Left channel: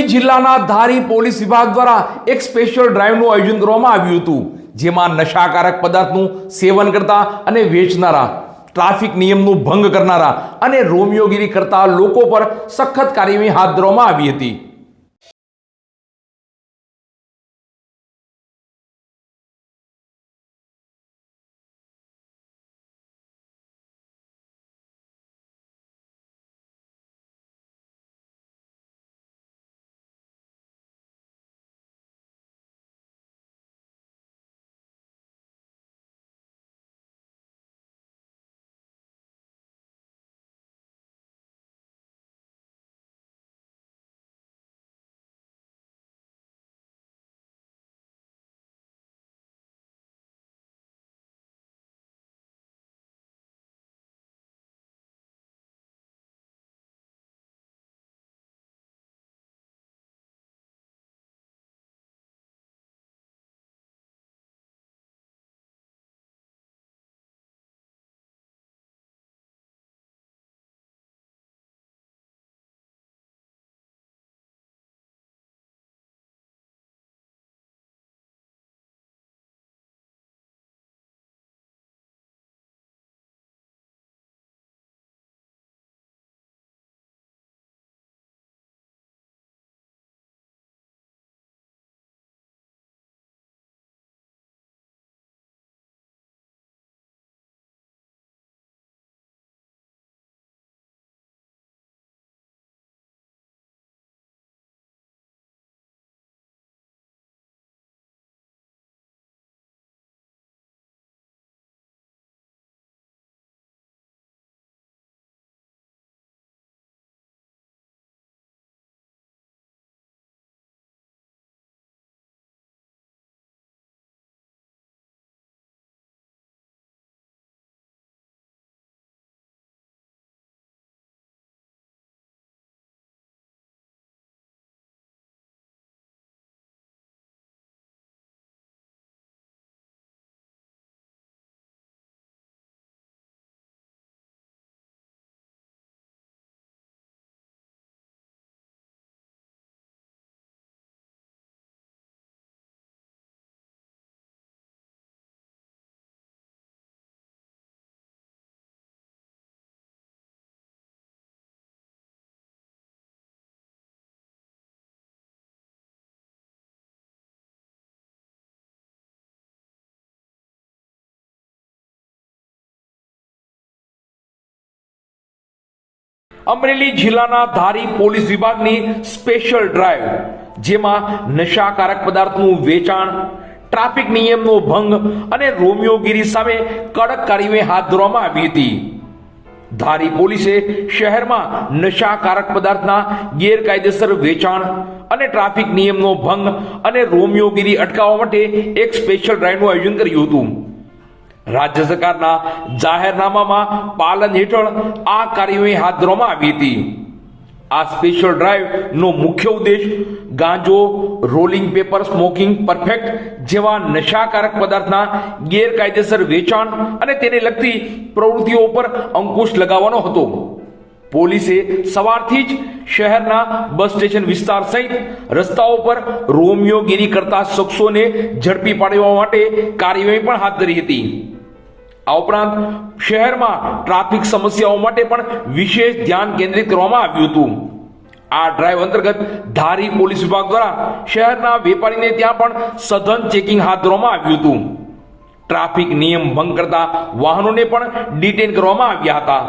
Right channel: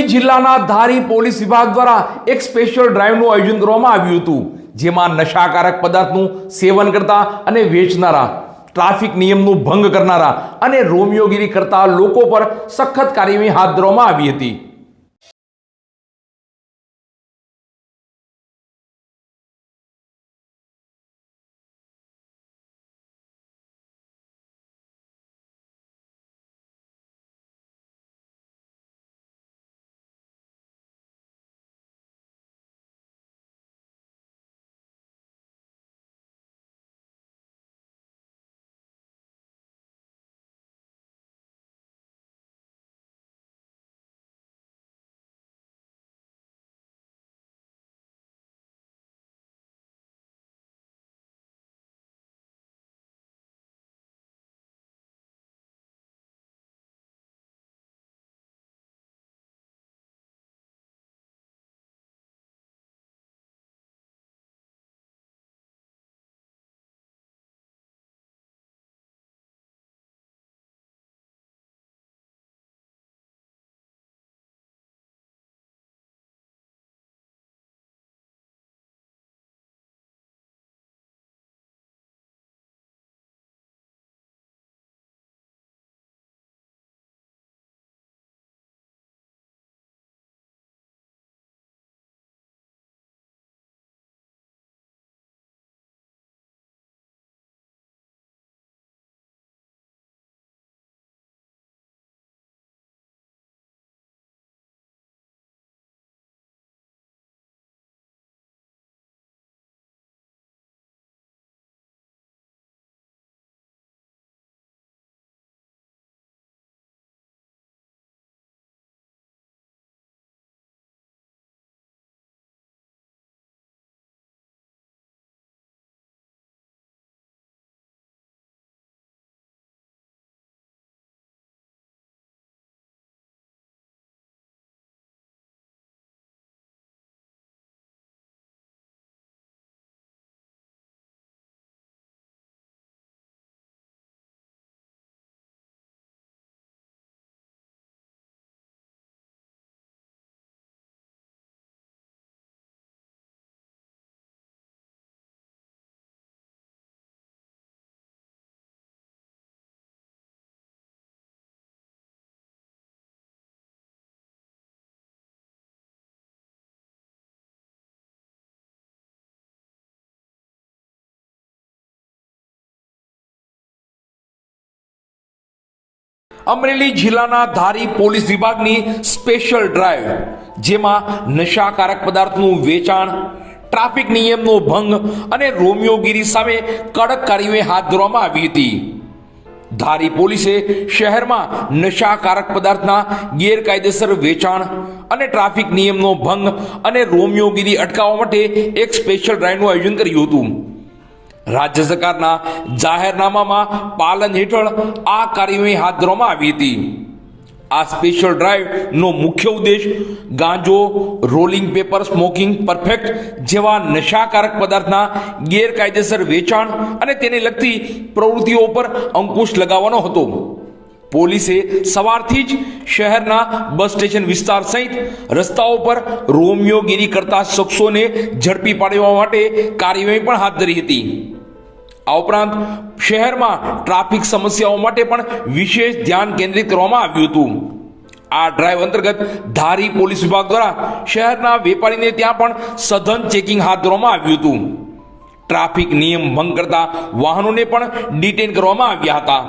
અમરેલી જિલ્લાના ધારી પોલીસ વિભાગ દ્વારા એક સ્પેશિયલ ડ્રાઈવનું આયોજન કરવામાં આવ્યું હતું, જેમાં નશાકારક પદાર્થનું સેવન કરતા અને વેચનારા, ટ્રાફિક નિયમનું ભંગ કરનારા અને રોમિયોગીરી કરતા લોકો પર સખત કાર્યવાહી હાથ ધરવામાં આવી હતી. અમરેલી જિલ્લાના ધારી પોલીસ વિભાગની સ્પેશિયલ ડ્રાઈવ, જેમાં નશાકારક પદાર્થનું વેચાણ, ટ્રાફિક નિયમનો ભંગ અને રોમિયોગીરી સામે કડક કાર્યવાહી હાથ ધરવામાં આવી હતી. ધારી પોલીસે શહેરમાં નશાકારક પદાર્થના ગેરકાયદેસર વેચાણ અને ટ્રાફિક નિયમનો ભંગ અને રોમિયોગીરી અટકાવવા માટે એક સ્પેશિયલ ડ્રાઈવનું આયોજન કર્યું હતું. રાજ્ય સરકારના જાહેરનામામાં પાલન હેઠળ આ કાર્યવાહી હાથ ધરવામાં આવી હતી. આ સ્પેશિયલ ડ્રાઈવનો મુખ્ય ઉદ્દેશ ગાંજો, રોલિંગ પેપર, સ્મોકિંગ પરફેક્ટ જેવા નશાકારક પદાર્થના ગેરકાયદેસર વેચાણ અને તેને લગતી પ્રવૃત્તિઓ પર અંકુશ લગાવવાનો હતો. પોલીસે સવારથી જ શહેરના બસ સ્ટેશન વિસ્તાર સહિત રસ્તાઓ પર રોમિયોગીરી કરતા શખ્સોને ઝડપી પાડવા માટે કાર્યવાહી પણ હાથ ધરી હતી. આ ઉપરાંત શહેરમાં ટ્રાફિક સમસ્યાઓ માટે પણ વિશેષ ધ્યાન કેન્દ્રિત કરવામાં આવ્યું હતું. આ ડ્રાઈવ અંતર્ગત ધારી પોલીસ વિભાગ દ્વારા શહેરના વેપારીને ત્યાં પણ સઘન ચેકિંગ હાથ ધરવામાં આવ્યું હતું. ટ્રાફિક નિયમ ભંગ કરતા વાહનોને પણ ડિટેન કરવામાં આવ્યા હતા.